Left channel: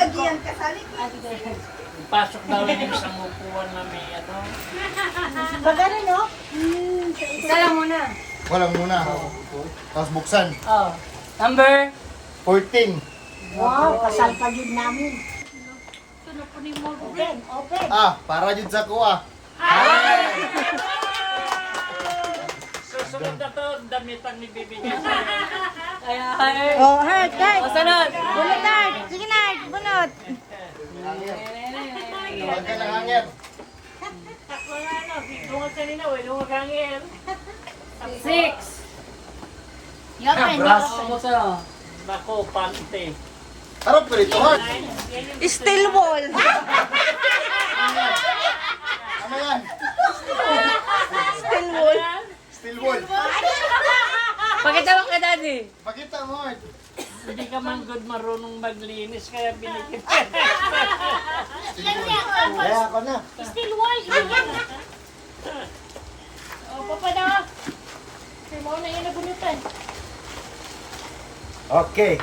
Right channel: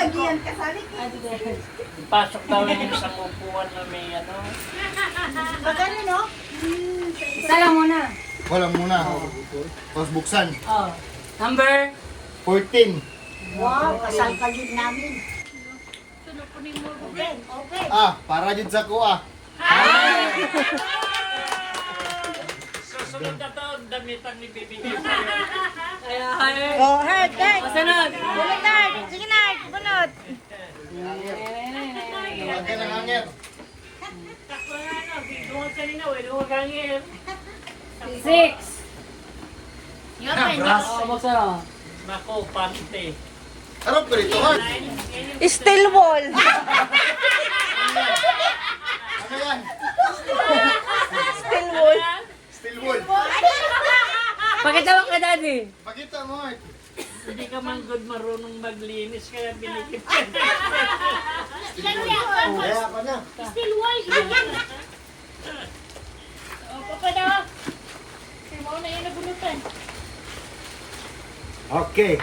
Gagiyan ka salit. Pasok daw yung isang upuan na may ano. Pagano no? Isa lang muna. Walang muna. Tapos buksan. Oh. Number? 14. Wow, kasal pa yun namin. Open, open. Para dyan sa kuha. Susunod na to, ang damit ang ibibigay. Ay. Oh, heart, heart. Sunod. Bunot na, sige na, bunot. Huwag ka ng hangin. Six. Brass. Nako, pante. Harap ko rito, ha? Steel wall. Ano yan? Steel wall. Steel wool. Pakita mo ka, Daddy. Pakita mo. Hindi ka man good marunong maglinis, kaya binigyan. Kaya ako na. Steel wall. Okay.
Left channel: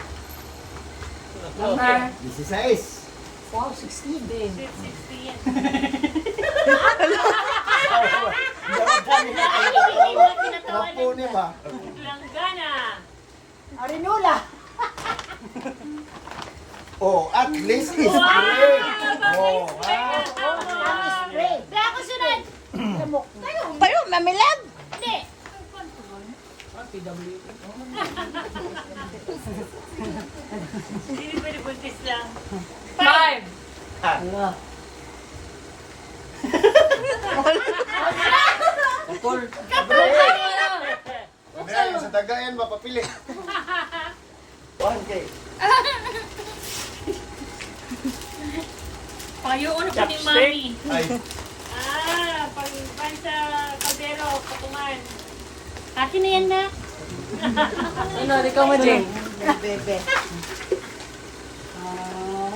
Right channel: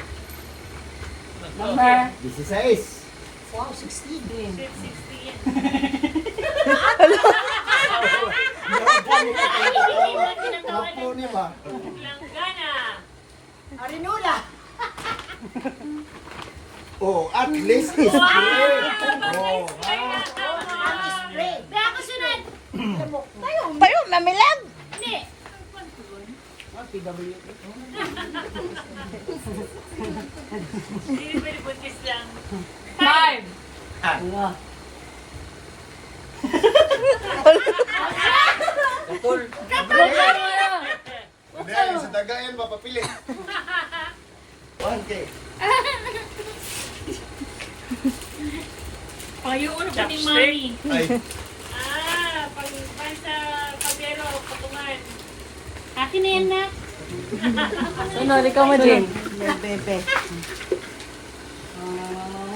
Number? 16. Wow, 16. Napuni ba? Arinula. Oh, at least is great. Oh, ha? Ang spray. Kaya ako sunod. Tayo, mamilag. Hindi. Hindi pwede buntis lang. Five. Huwag na yung sa dagayan, mapapilit. 1K. Payoon ko ni Mami. Ay, Pag sa kaldero, pakuman. Akin na yan na. Sunod, ikaw mo, Jay.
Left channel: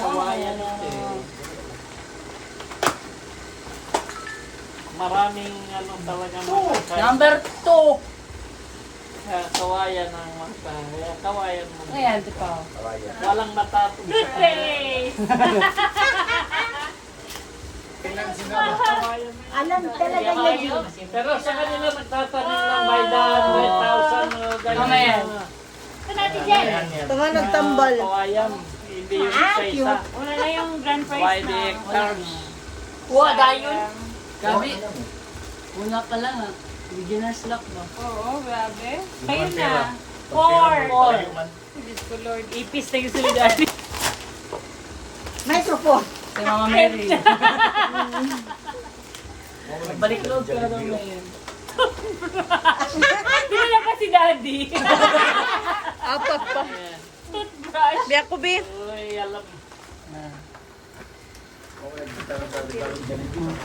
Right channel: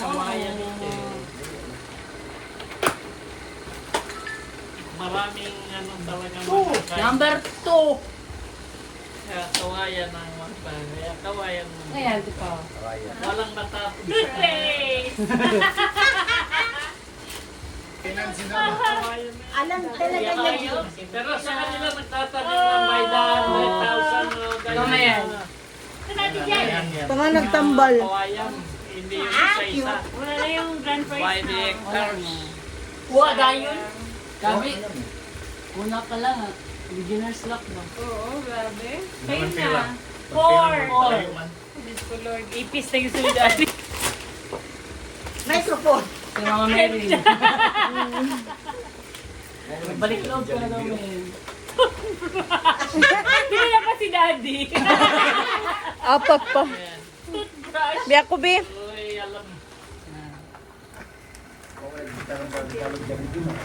Kawayan natin. Maraming ano talaga mga Number two. kawayan ng mata. Kaya kawayan mo. Ayan, di pa. Walang matapos. Good face. Kawayan mo. Alam talaga yun. Pero sa kanila magtatanim ng by the 1,000. Kamayan. Sunod dyan. Ito nga nagtambal. Kawayan. Hindi yung isa-isa. Una na yung grand By prize the na. hectares. Dayon. Gabi. Una pa lang, ha. Beginner's luck, no? Oo, grabe. Ayun na. Four. Diyos ko Lord. Ipis na yung sunod dati. Nice support. Si Mama Mary. Balik load ka na ng Mary. Pinala pa si Daddy. Apat pa. Biyak ko, Bi. Uy, alam.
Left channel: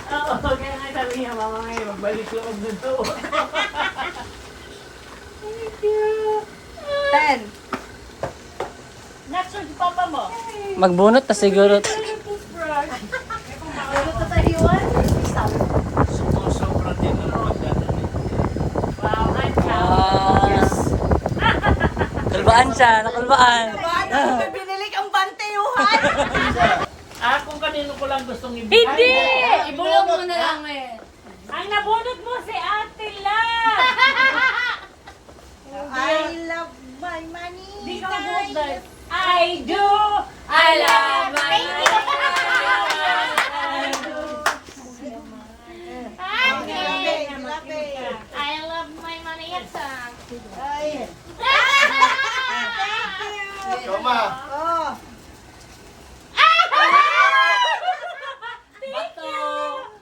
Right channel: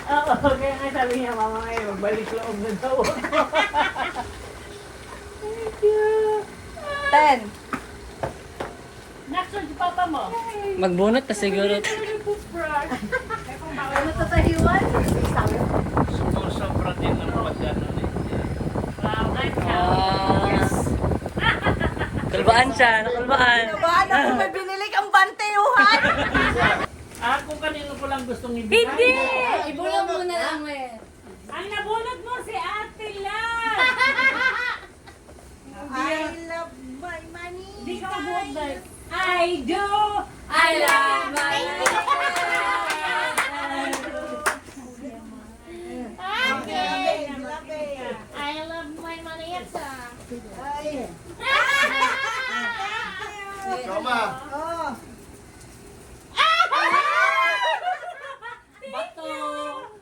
Oo, kaya nga sabi niya, mama ngayon, balik loob na daw. 10. Naksun si papa mo. Magbunot na siguro. Ano to sa hiwan? Sumusobra din ang pagyan. Wow, Kalbaan siya, nakalbaan. Paano kung may binili kang banteyuhan? Kung kanino ko lang gustong ibigay. Hindi! Ibulong mo na lang, eh. Ang nabunot mo si Ate La! I love my money. Hindi ka mabuot dahil. I do! I love my Okay. I love my money yaksa. Toma. Oh. Bato.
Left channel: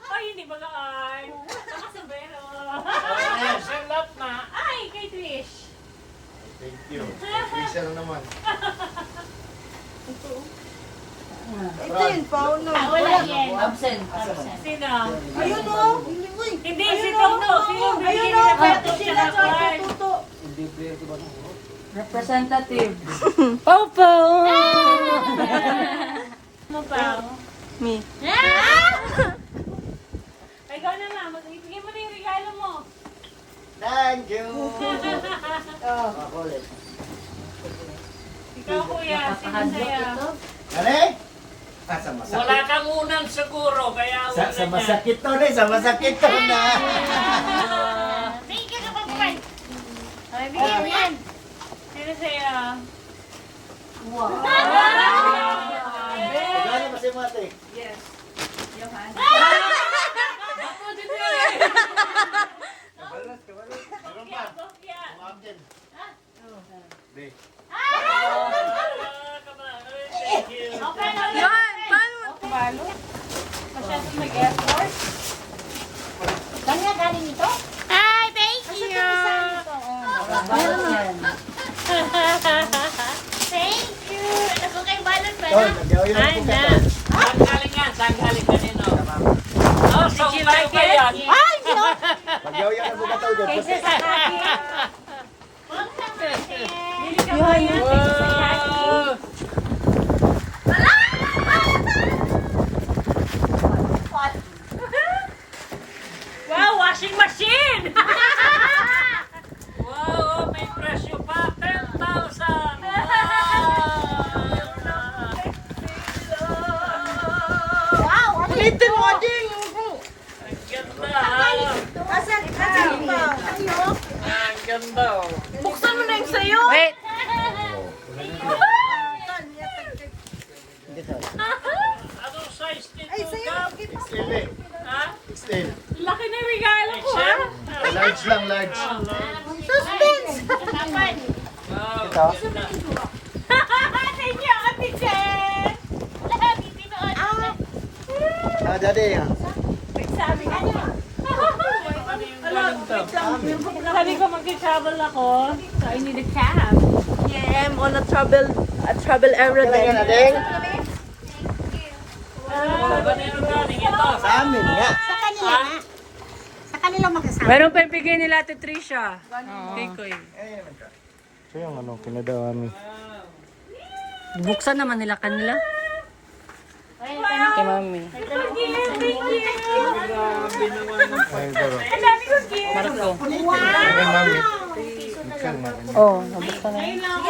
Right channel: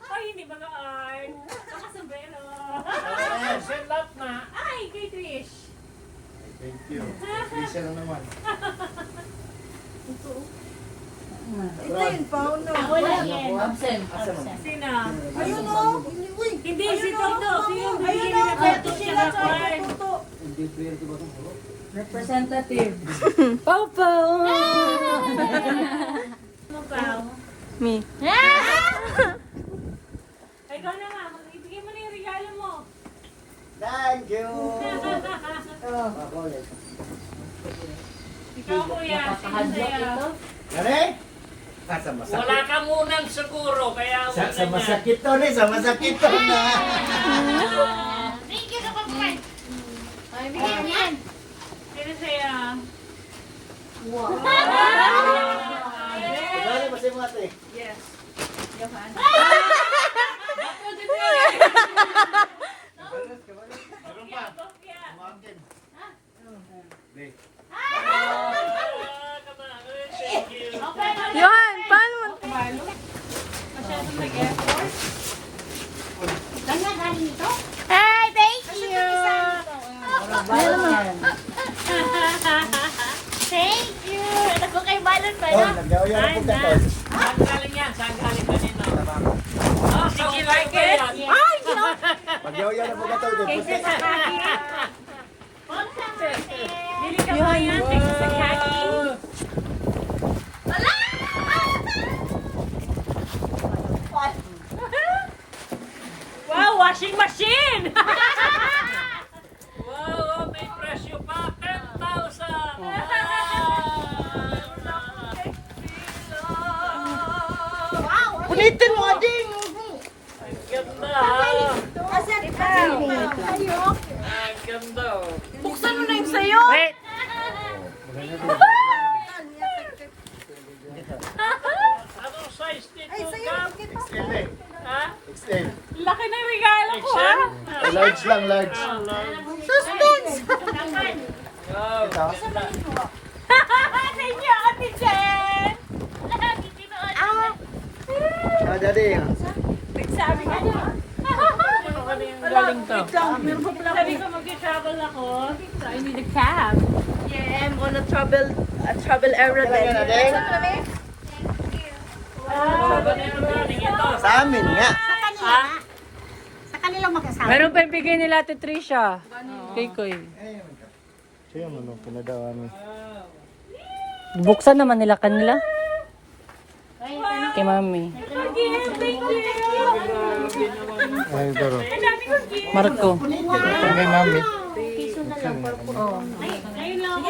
Ay, hindi ba kaan? Nakasabero. Ayan, send up na. Ay, kay Trish. Thank you. Prisa na naman. Ito yun, Paolo. Wala yan. Absent. Sino? Ayun o. Uy. Hindi, si Toto. Sino yung bibigyan nila Toto sa Kwan? Representative. Opo. Mo pa. Me. Ay, gano'n na. Ibigay mo na yung regalo mo. Thank you. Ikaw, kuya. Sino Nakakahadlock sa'yo? ito. Gani? masakit. Wala kang unang siguro, kaya Sa masakit to, ne? Sa masakit to na. Thank you sa pagkain. Ay, bigyan mo yan. Sino sa'yo? Gano'n ba si Mate? Meron pa. Umakin. Be. Thank you. Yan, paano? Hi, thank you. Meron naman. Thank you. Ako kay Balon pa Oh, na. nagyaw-yaw ako ka to. Saan galing yan? Saan galing kanino? Oh, sa umayo ba yan? Nagyaw-yaw ako ka to. Bili ka ba yan? Thank you sa Shaggy. Wow, washing machine! Wow, may presyo pa. 10,000! Ulitin mo, Jing. Ang ganda ha. Asan? Ang ganda oh. Buksan mo na yung sayo. Wait. Anong size dito? Ay, sayo. Extend eh. Ha? Extend. Laki na yung regalo ko, ha? Large lang, large. Suspense. Wow. Thank you, Ate Jen! Lagi dito, Ate Jen. Ah, daddy. Sabi ko mag-travel ako, so I need a cab. Yeah, I'm on a travel era then. Oh, ganito galing ito. Sa amin nga. Meron pa yung bigay nila Ate Trisha. Kay Koy. Ito yung ano, pinadaan ni. Buksan naman nila kanila. Kay Mami. Marco. Oh, nabuksan na. Ayun lang ako.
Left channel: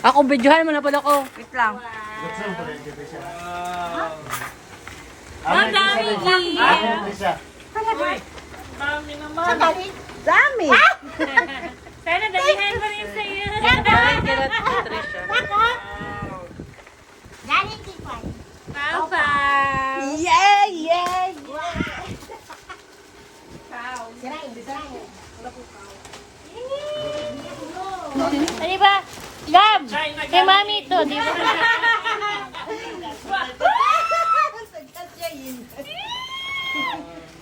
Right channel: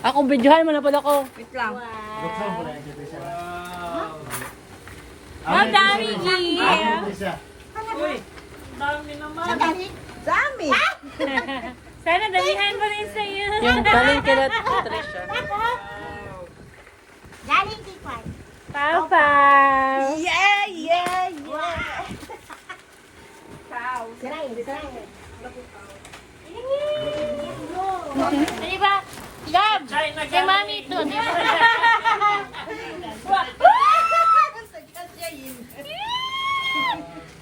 Ako, videohan mo na pala ako. Wait lang. Ang dami Isa. Dami naman. Dami. Sana dalihan pa rin sa'yo. Galing kila Trisha. Galing kipay. Papa. Yeah, yeah, Di ba? Gab! Kay Mami ito, di ba?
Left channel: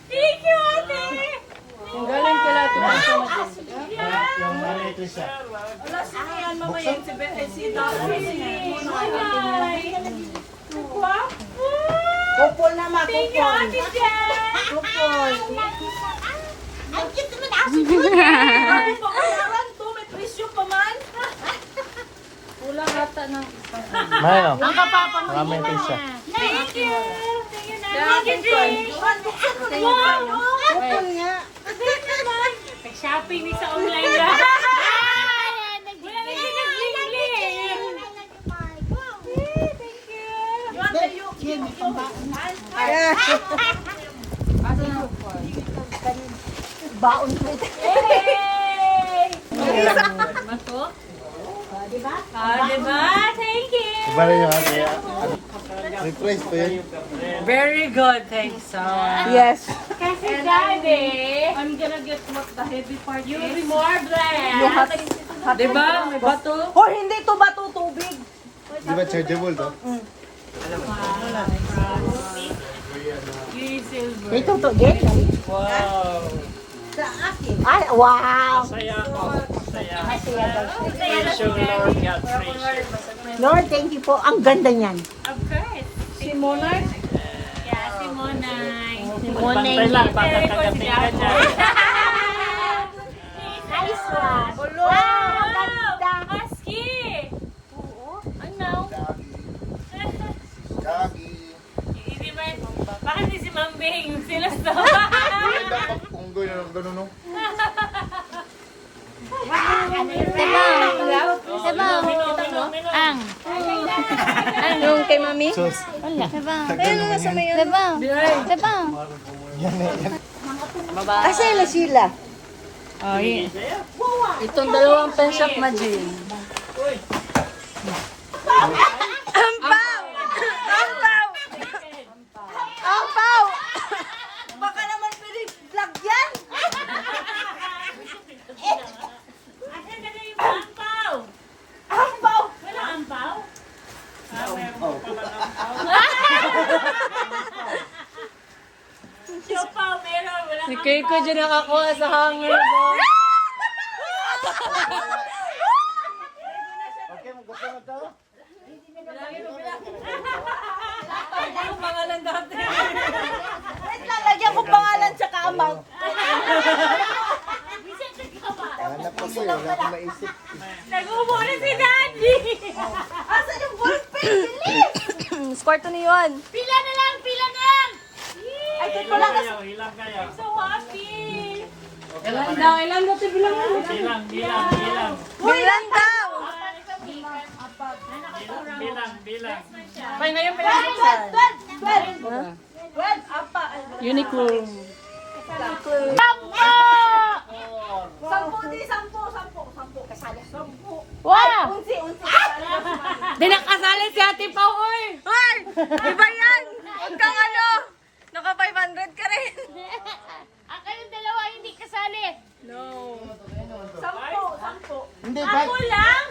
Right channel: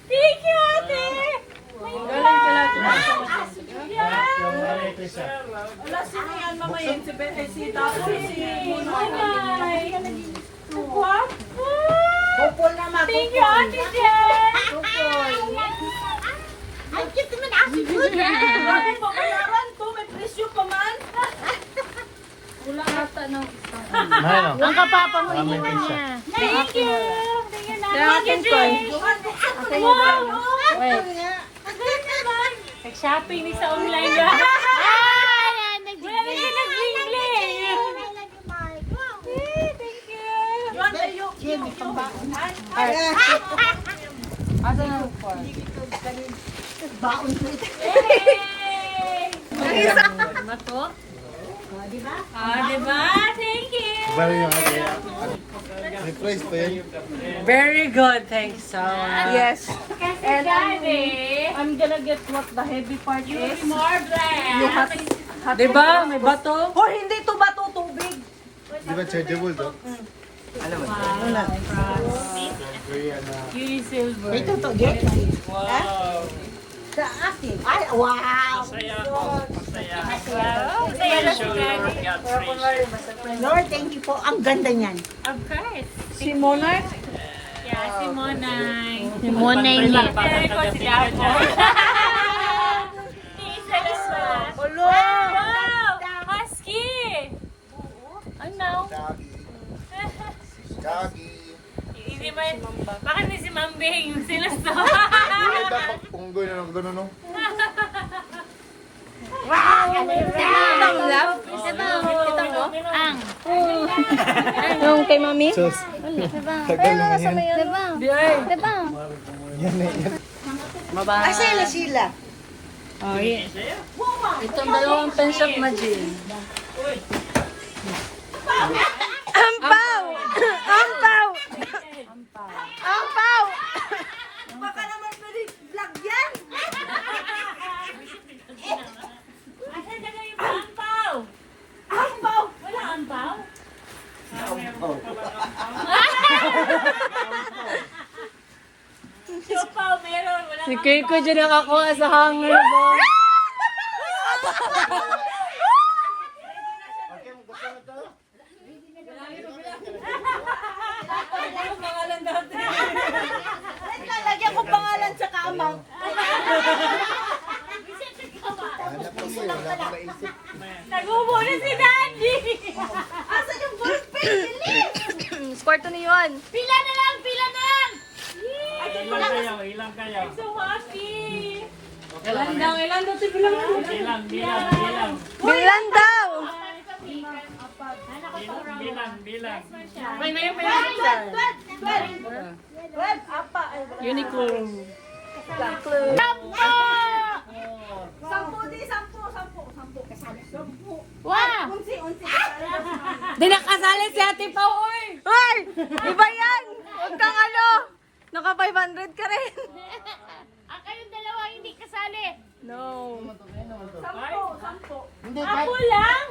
Thank you, ate! Galing kila Trisha. Yung ano ito isa. Kupol naman. Thank you, Ate Jen! Ang cute naman aso ko. Pakalaran to, may presyo pa man. Kulang ata ng isang Ma'am. Maraming pinsa. Thank you! Thank you na. Ate Jen! Nag-shopping ni sa online ba? Asa na ang card? Mato? Diba? Thank you! Bali yung ate. May price pa yun. Very good, thanks so much. Yes. Kasi Daddy, I'm gonna get what the heavy part you'll be more blessed. Diba? May bato? Or hindi to bato, tubig. Di ba chargeable to? Yung silver. Ito to, Jay. Ay, wow! Saya ako. Saya. Saya na si Lord God praise you. Lord, thank you po. Ang ganda niyan. Of course. Si Monay? Yeah, si Monay. Si Monay. Pero ko si Dapo. Wow! Husky! Ano? Kagi. Hindi ba, bakit hindi si Mambing? Sila sa... Punggol yung gano'n no? Sabaw! Sabaw! Yung kay mami? Sus. Tagal naman yan. Oh, Itong dalawang penshop na gin. Ampaw! Ampaw! Ampaw! Baka naman pili-vlog yan! Asan ka na yung ampaw? Ampaw! Wala ampaw? Siopaw, meron. Wala Si Keiko dyan nakakuha sa hanger mo. Ang pangalan dati. Wait lang, lagyan ko pangalan sa kamang. Anak pa siya. Wala ko naisip. nagmumuni si Daddy. Asan yung ballpen? Bilis! Kwarto ni Juan. Pila na lang, pila na lang. Ay, dito Ilang lang. kayo, ilang kayo. So happy. Ilan daw ito bilang. Bilang. Bilan daw! Bilang. May ngayon pa yung buksan. Uniqlo. Sampu di, sampu. Kasali. Wow. Unsi. Di nakasali si Ate Pao, oy! Hoy! Iba yan! Huwag kang ano! Naka 500 ka rin. Ang kayong dalawa hindi kasali. No. Sampu. Hindi ba? Apo lang.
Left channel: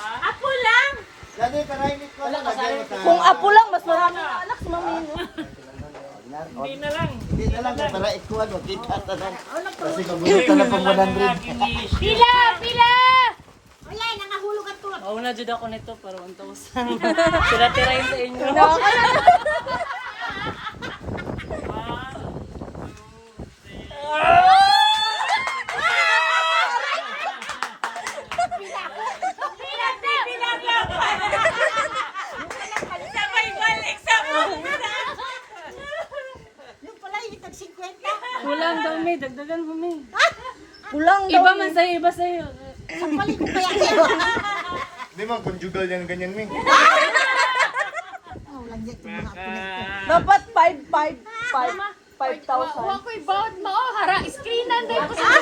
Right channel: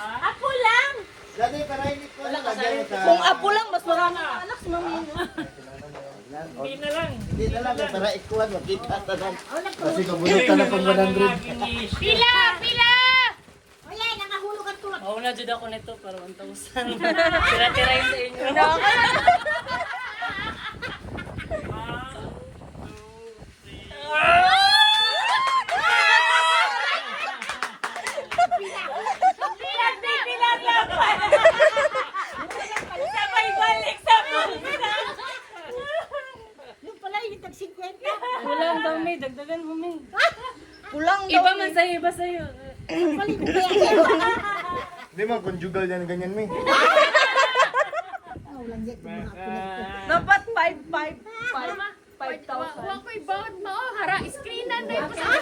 Apo lang. Dati karailit ko lang. Nagyan ka. Kung apo lang, mas marami ka anak si mami. Hindi na lang. Hindi na lang. Para ikuhan. Makita na lang. Kasi kabulit ka lang pang 100. Pila, pila. Oo na dyan ako nito, pero 1,000. Tira-tira yun sa inyo. Nakakala. Kulang daw, may. Dagdagan mo, may. Kulang daw. Iba man sa'yo, iba sa'yo. Hindi man, conjugal yan ganyan, Ming. Dapat 5,000. Wako'y bawat mo. Hara, iskinan din po sa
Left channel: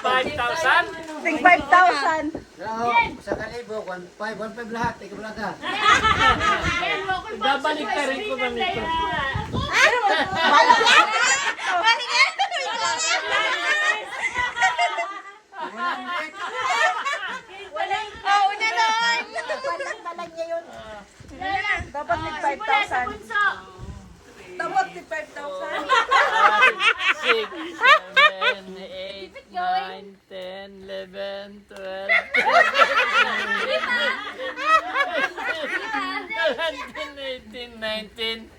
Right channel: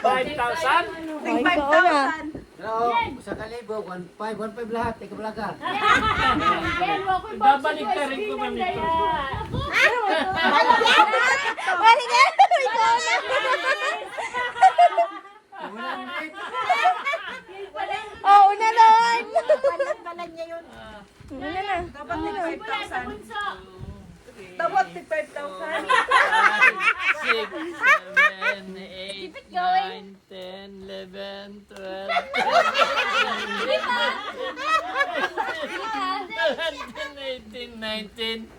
5,000? Ting 5,000. Oo, sa kalibo, 1.5 lahat. Ikaw lang ka. Babalik ka rin ko ba nito? Oh, una doon. Una na. Dapat tig 5,000. Dapat tig 5,000. 6, 7, 8, 9, 10, 11, 12, 17, 18, 19,